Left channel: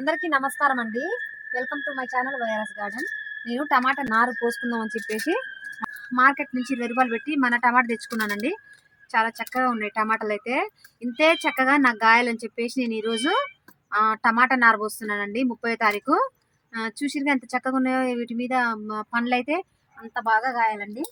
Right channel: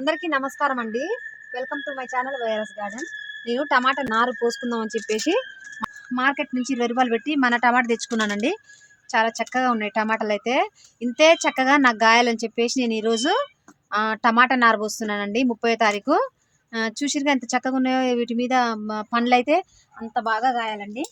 అందరికీ నమస్కారం అండి. Welcome to my channel virus garden నేను టమాటా నారు పోసుకుందాం అని చెప్పేసి మార్కెట్ నుంచి ఇరవై రూపాయలు పెట్టి మన టమాటా తెచ్చుకున్నానండి. చాలా చక్కగా ఉన్నాయి టమాటాలు అయితే. ఇంతే చక్కగా నాకు గాయాలని చెప్పేసి నేను ఈరోజు టమాటా నారు పోస్తున్నానండి ముప్పై తారీఖు. చూసిరుగా ఎంత చక్కగా ఉన్నాయో వీటి మీద పండ్లు అయితే అంత బాగా గాయాలండి.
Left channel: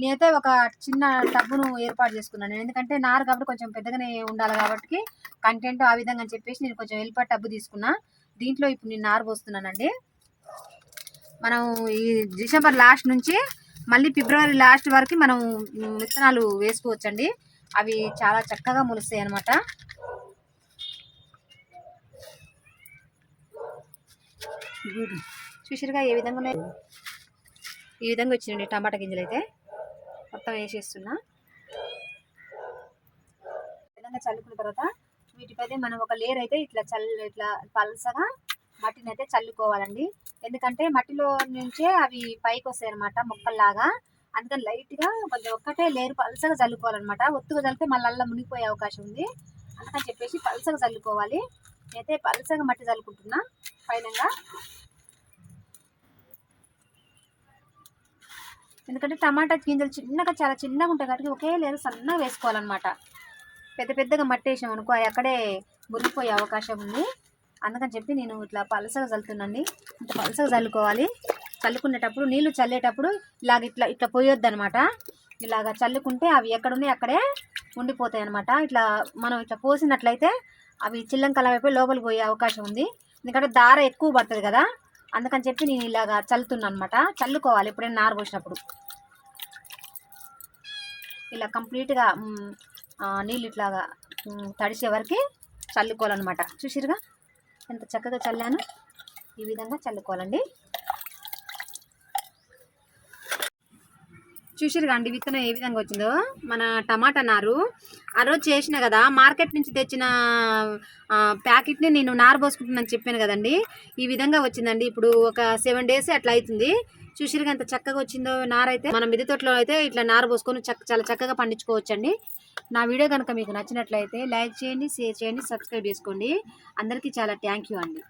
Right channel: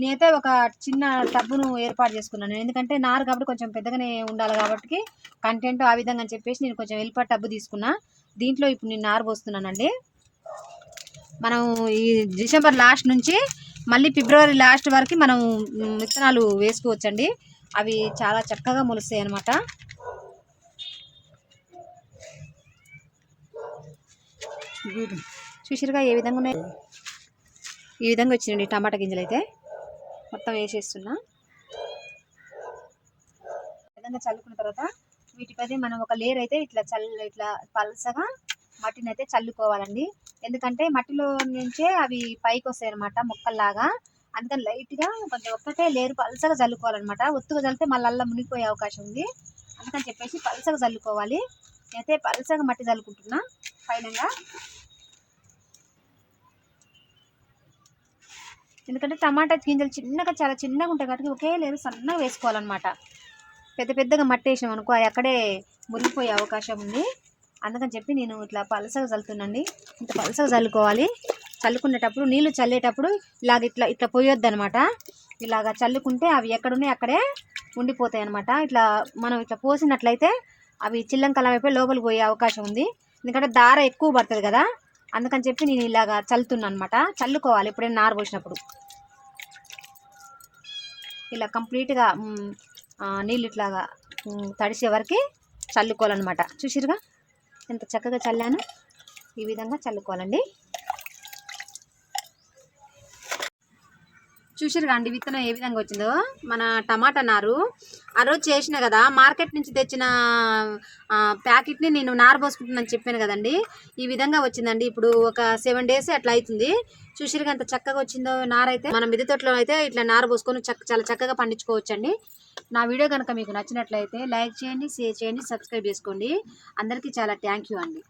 నేనైతే ఒక చిన్న టబ్బును ఏర్పాటు చేసుకున్నాను. ఎందుకంటే నారు కాబట్టి కొంచెం పెద్దగానే ఉండాలి కాబట్టి కంటెంట్ ఆ విధంగా అని చెప్పేసి నేను కొంచెం వెళ్ళిపా టబ్బు తీసుకున్నా. దీంట్లో ఇప్పుడు నేను నారు పోస్తున్నానండి. మనం ఈ డిసెంబర్ లాస్ట్ నుంచి మళ్ళీ ఫిబ్రవరి లాస్ట్ వరకు మనం విత్తనాలు వేసుకోవచ్చండి. అవి చాలా చక్కగా మొలుస్తాయి అన్నమాట. చూసిరుగా ఏ విధంగా ఉన్నాయి? ఈ విధంగా వచ్చినండి టమాటా గింజలు అయితే మొత్తం వేసేస్తున్నా. ఈ విధంగా చల్లుకున్న తర్వాత వీటిపై మనం ఒక లేయర్ అయితే ఇట్లా చల్ల ఇట్లా పలసగా మట్టిని అయితే చల్లుకోవాలండి. ఎందుకంటే మట్టిలో నుంచే అవి పైకి వస్తాయి అనమాట మొక్కల్లాగా. అందుకని లైట్గా కొంచెం ఒక్కటే లేరు పలసగా చల్లుకోవాలన్నమాట. ఒత్తుగా చల్లితే మళ్ళీ అల్లా మునిగిపోయే అవకాశం ఉంది. అందుకని చెప్పేసి పలసగా చల్లుకోవాలి. అయితే పలసగా మట్టి చల్లుకుంటున్నా. పైనంగా ఎందుకంటే టమాటా గింజలు చిన్నగా చాలా చిన్నగా ఉంటాయి కాబట్టి ఒకే లేరు సన్నగా వేసుకోవాలన్నమాట. పెద్ద పెద్దగా మట్టి వేసినాం అనుకో అవి అక్కడే మురిగిపోయే అవకాశం ఉంది. అందుకని చెప్పి నేను ఇట్లా పలసగా చల్లుతున్నాండి ఇంత పలసగా చల్లుకోవాలి. చల్లుకునేటప్పుడు నీళ్ళు చల్లేటప్పుడు ఇలాగ ఇట్లా ఇట్లా పోయొద్దు అనమాట ఇలాగ చల్లుకుంటే అవి ఎక్కడున్నాయి అక్కడే ఉండిపోతాయి అనమాట ఇట్లా మనం ఇట్లా పోసినట్లయితే అవి చిల్లంకలం అయిపోయి లోపలికి పోయే అవకాశం ఉంది. ఎందుకంటే దార ఎక్కువ పడుతుంది కదా. అందుకని చెప్పి నేను ఇలాగా చల్లుతున్నాను అనమాట చల్లుకోవాలి ఎప్పుడైనా నారు పోసినప్పుడు. ఇలా కంప్లీట్గా నీళ్ళు ఇట్లాగా తడిసే వరకు చల్లుకోవాలన్నమాట. చూసిరుగా ఎంత చక్కగా చల్లాను ఈ విధంగా చల్లుకోవాలండి. చూసారు అండి విత్తనం ఏ విధంగా వచ్చిందో? మన టమాటా నారు. ఆ రోజు చేసిన కదా మార్కెట్ నుంచి తెచ్చిన ప్యాకెట్ని నేను నారు పోసుకుంటున్నాను చెప్పాను కదండి. ఈ విధంగా వచ్చిందండి. ఇప్పుడు ఒక సెవెన్ డేస్ అట్లా అవుతుంది చూసారు ఎంత చక్కగా వచ్చిందో నారు అయితే. మన మిద్దె తోటలో అయితే ఇట్లా నారు పోసుకొని చక్క చాలా చక్కగా పండించుకోవచ్చండి. నా వీడియో కనుక మీకు నచ్చినట్లయితే లైక్ చేయండి షేర్ చేయండి సబ్స్క్రైబ్ చేసుకోండి. అందరికీ చాలా థ్యాంక్ యూ అండి.